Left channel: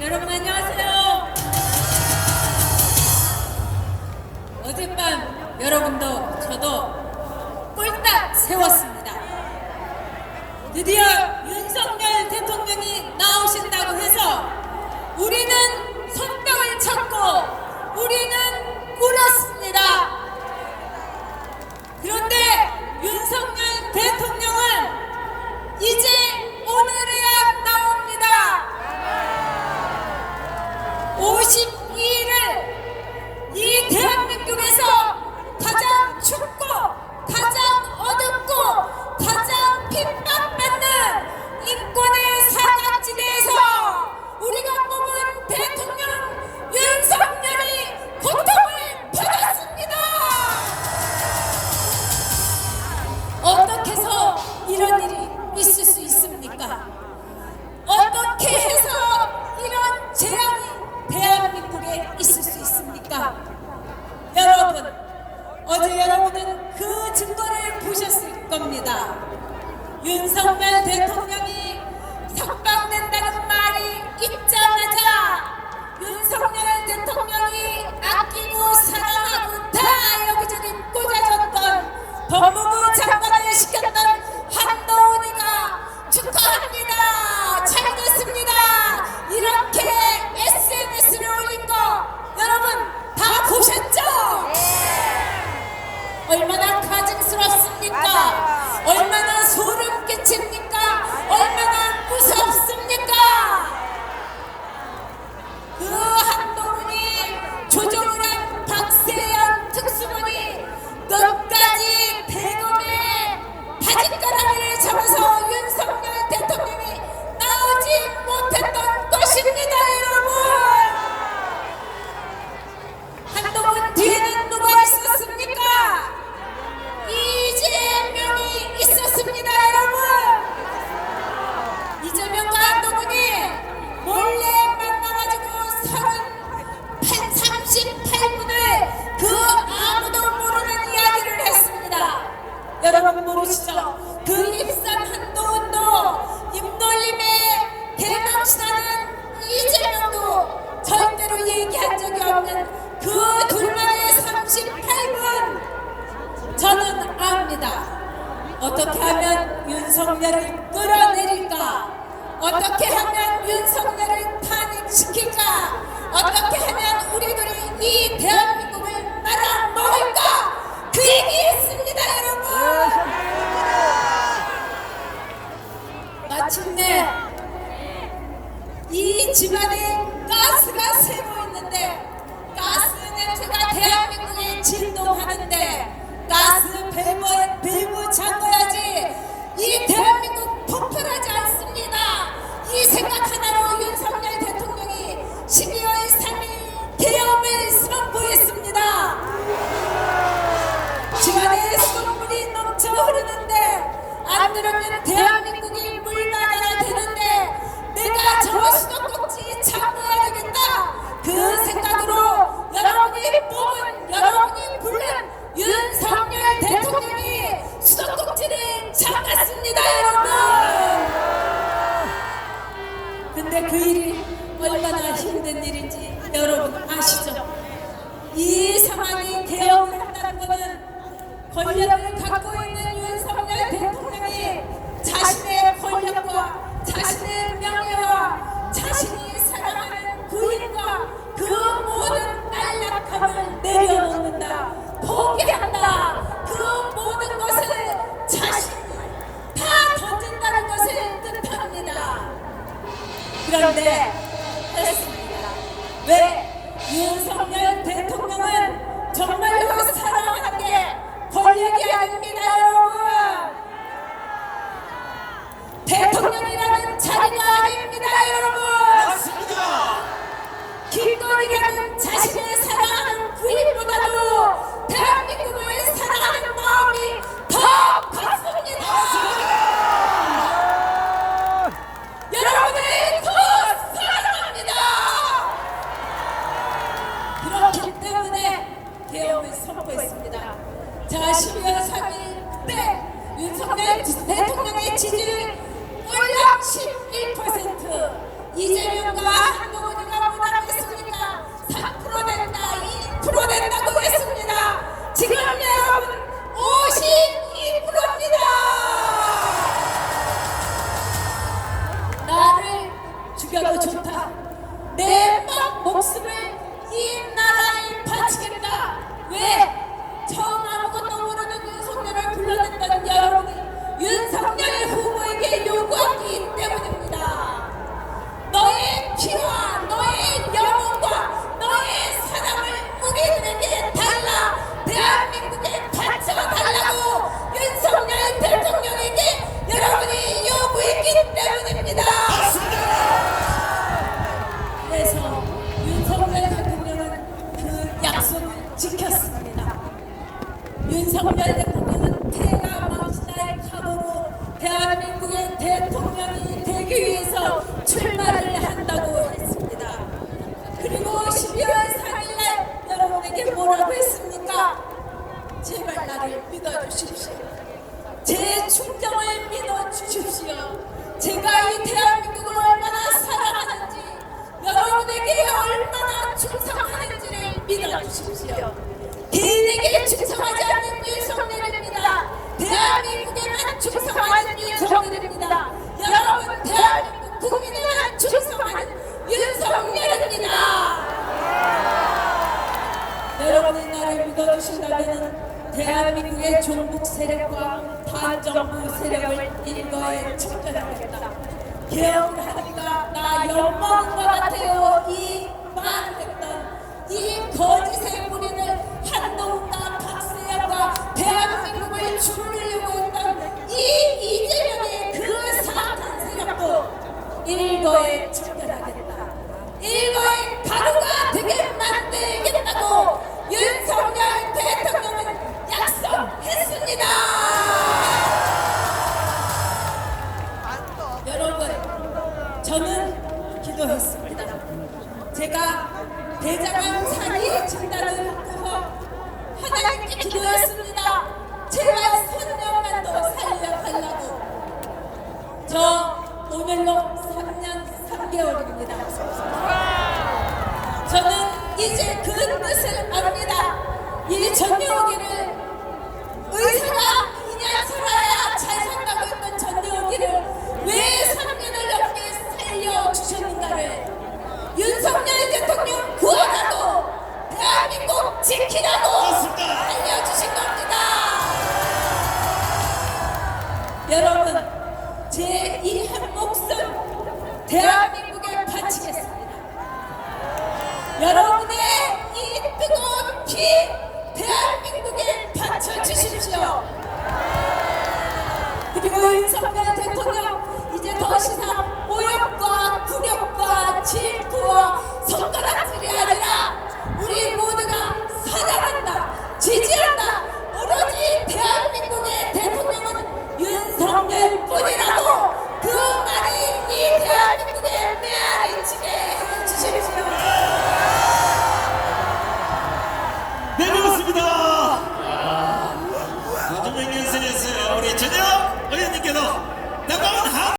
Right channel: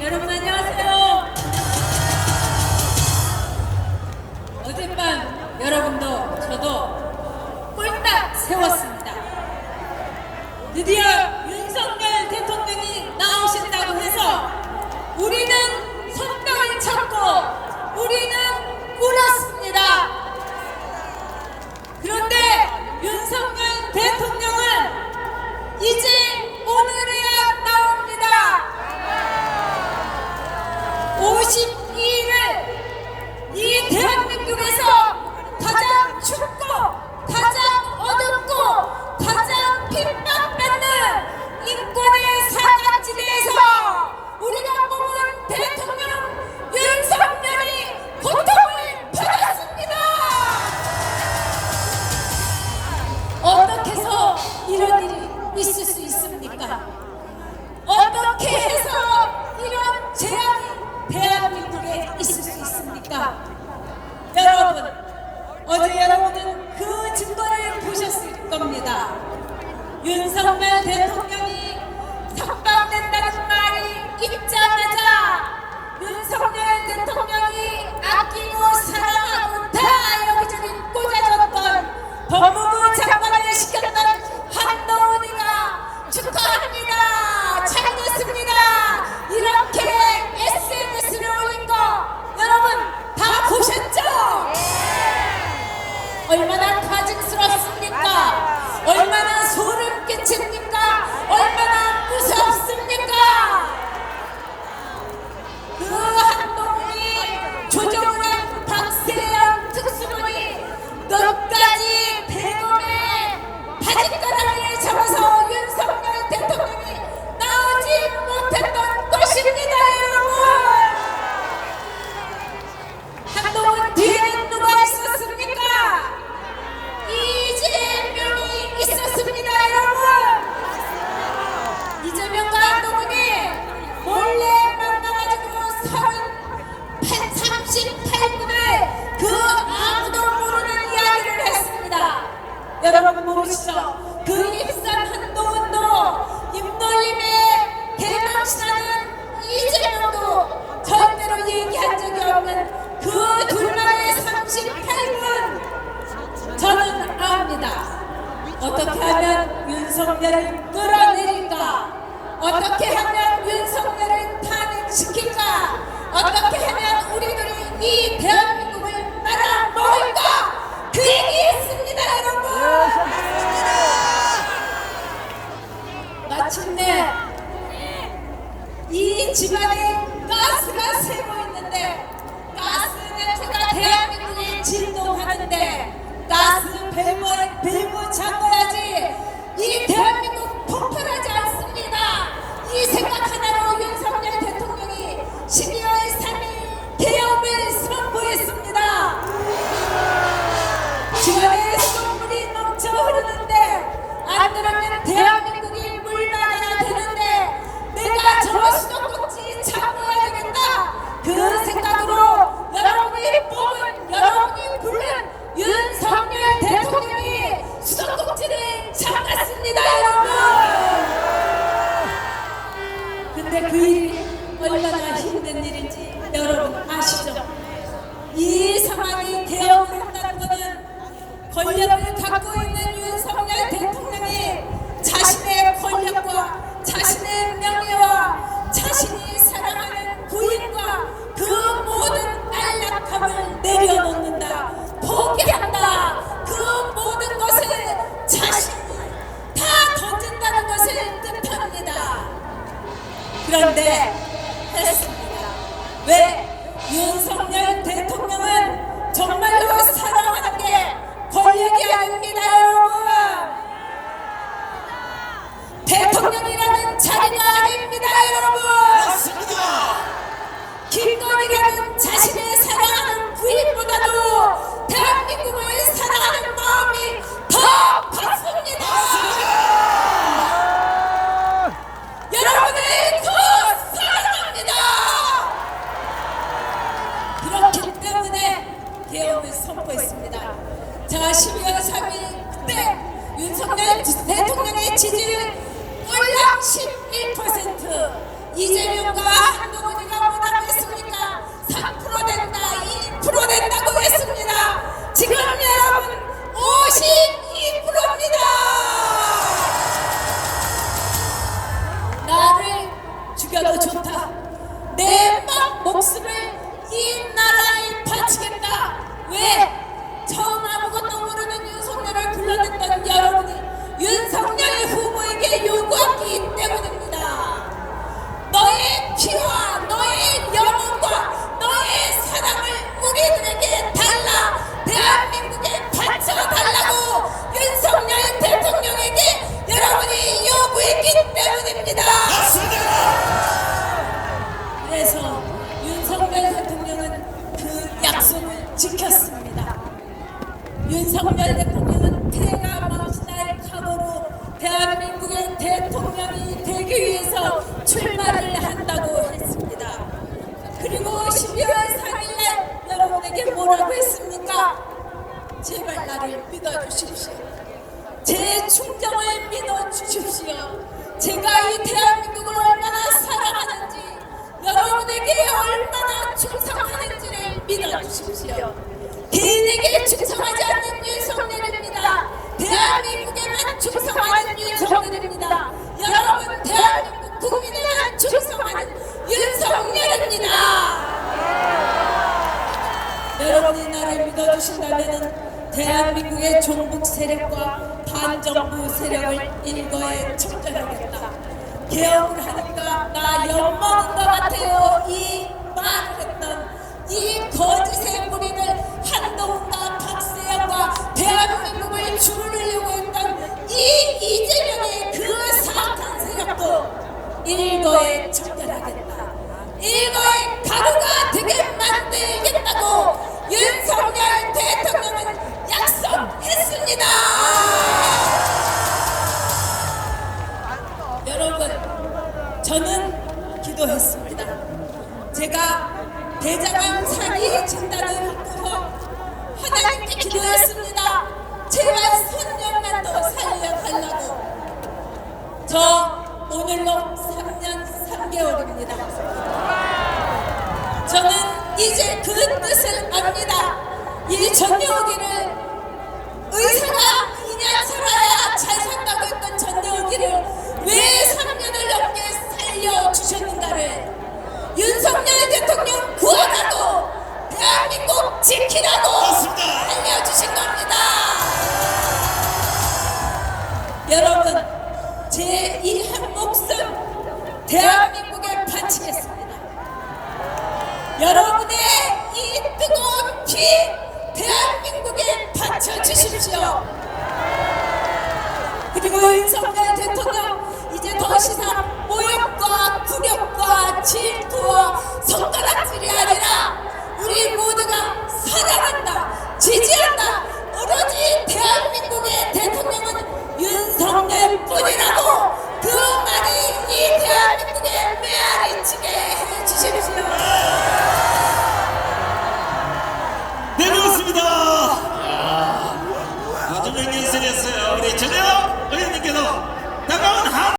여러분 안녕하세요. 어젯밤 여러분도 저도 꼴딱 세웠습니다. 드디어 윤석열 대통령이 나오신다고 해서 우리는 손뼉을 쳤고 우리는 울었습니다. 그런데 윤석열 대통령은 이제 오늘이야 나옵니다. 52일을 이 대한민국에서 가장 춥고 가장 어둡고 가장 핍박받는 인권의 사각지대에서 우리가 뽑은 대통령 윤석열이 고통을 받았습니다. 어떻게 해서 이런 일이 있을 수 있습니까? 어떻게 해서 이런 재앙이 대한민국에 있을 수 있습니까? 여러분, 어제 여러분은 그 증거를 보셨을 겁니다. 윤석열 대통령이 석방된다는 말이 있자마자 윤석열 대통령이 아끼고 사랑하고 다 여기저기 꽂아줬던 법무부 장관을 시켰던 한동훈이가 축하합니다. 잘 됐습니다. 이렇게 SNS를 올린 거 여러분 다 보셨죠? 얼마나 가증스럽습니까? 얼마나 소름 끼칩니까? 얼마나 무섭습니까? 그 한동훈이 조정훈 박세영 특수본이 끝까지 대검에 바짓가랑이를 잡아서 윤석열 대통령이 나오지 못했던 것입니다. 여러분, 한동훈 뒤에는 누가 있었습니까? 이재명이 있었습니다. 여러분, 이재명과 한동훈이 몰래 만나가지고 38분을 그 아무도 모르는 이야기를 했습니다. 여러분 모르시죠? 그 입산 한동훈도 입놀림에 대감시하는 이재명도 절대로 얘기한 적이 없는 그 둘만의 38분 저는 압니다. 어떻게 하면 윤석열을 끌어내릴까? 어떻게 하면 윤석열을 탄핵시킬까? 어떻게 하면 우리들이 이 대한민국을 말아먹을까? 그 얘기했습니다. 여러분, 마침내 이 집안에 가스가 새고 있는데 가스 냄새가 대한민국에 진동하는데 가스 밸브 잠궈야지 이 대한민국 폭발하지 않습니다. 이 생각하나로 윤석열 대통령이 12월 3일 대엄을 선포했습니다. 집안에 수돗물이 넘쳐 흐르는데 안 들어오면 대한민국이 물나야 되는데 내가 저 수도꼭지 참고해야겠다. 그 생각으로 여러분이 뽑은 여러분이 부른 윤석열 대통령이 수도꼭지를 참았습니다. 여러분, 근데 그 일이 얼마나 힘든 일인지 여러분 아시죠? 이 상황이 대응을 한다는 것은 권력을 갖고 있는 윤석열 대통령이 자신의 권력과 자신의 명예와 자신이 사랑하는 부인과 그 모든 안락함을 내려놓는다, 포기한다, 그 모든 것을 자신이 다 던진다는 것을 뜻합니다. 그런데 했습니다. 왜? 윤석열 대통령은 정말로 사랑하는 게 권력이 아닙니다. 여러분, 대통령이라는 자리가 아닙니다. 여러분, 김건희라는 자신의 사랑하는 부인보다도 대한민국을 사랑하는 마음이 더 컸습니다. 여러분을 더 사랑합니다. 그렇기 때문에 개혁을 선포했습니다. 자, 12월 3일 그때 윤석열 대통령의 지지율 11% 이재명과 한동훈이가 뭐라고 했습니까? 3% 된다, 2% 된다고 했습니다. 지금 여러분 52%입니다. 나를 죽여도 좋다. 내 목숨을 이 나라에 바치겠다. 왜? 처음 아무것도 모르는 윤석열을 불러냈던 여러분은 윤석열 후보에게 요구하기 때문입니다. 너의 피와 너의 영혼과 너의 사랑을 우리들에게 달라. 대한민국에 바쳐달라고 윤석열 대통령에게 여러분이 요구했기 때문입니다. 그래서 윤석열 대통령은 그 약속을 지켰습니다. 윤석열 대통령은 태가 막날 각오로 대한민국의 대통령이 되기 위해서 출마를 한다고 했습니다. 그리고 12월 4일에 여러분에게 뭐라고 했습니까? 제발 나를 믿어주십시오. 제 충정을 믿어주십시오. 제가 이 대한민국을 얼마나 사랑하는지, 여러분에게 얼마나 충성하는지를 믿어주십시오. 개인에게 충성하지 않는 윤석열입니다. 대한민국에만 충성하는 윤석열입니다. 여러분, 대한민국 국민에만 충성하는 윤석열입니다. 여러분이 나를 믿어주신다면 대한민국의 종북 세력과 반정부 세력을 일거에 처단하겠다. 개혁을 하니까 나 욕먹은 것 같아요. 이 말을 했던 이 거짓의 무리를 한동훈과 박세현과 대한민국을 주르려고 했던 이 이재명의 그 사악한 세력도 일거에 처단하겠다. 일거에 가루가 되게 만들겠다고 윤석열 대통령은 약속했습니다. 여러분, 저는 기도했습니다. 제가 대장암 사기 진단을 하고 하나님께 기도했습니다. 제발 3년만 더 살려달라고. 저 오늘로 3년 3개월입니다. 저는 이제 그 뜻을 압니다. 이 전대호기를 의사가 2년 살아야 잘 산다고 했던 전대호기를 왜 3년을 넘게 살려주셨는가를 윤석열 대통령 구하라고 대한민국 지키라고 알려주신 겁니다. 여러분, 제 이 한 목숨 대한민국에 바치겠습니다. 여러분의 이 뜨거운 피 대한민국에 바쳐주십시오. 그리고 윤석열 대통령, 이제 더 이상 모욕과 굴욕과 질투와 손가락질이 아니라 우리 모두가 사랑한다, 지지한다. 오로지 대한민국의 대통령은 윤석열뿐이다.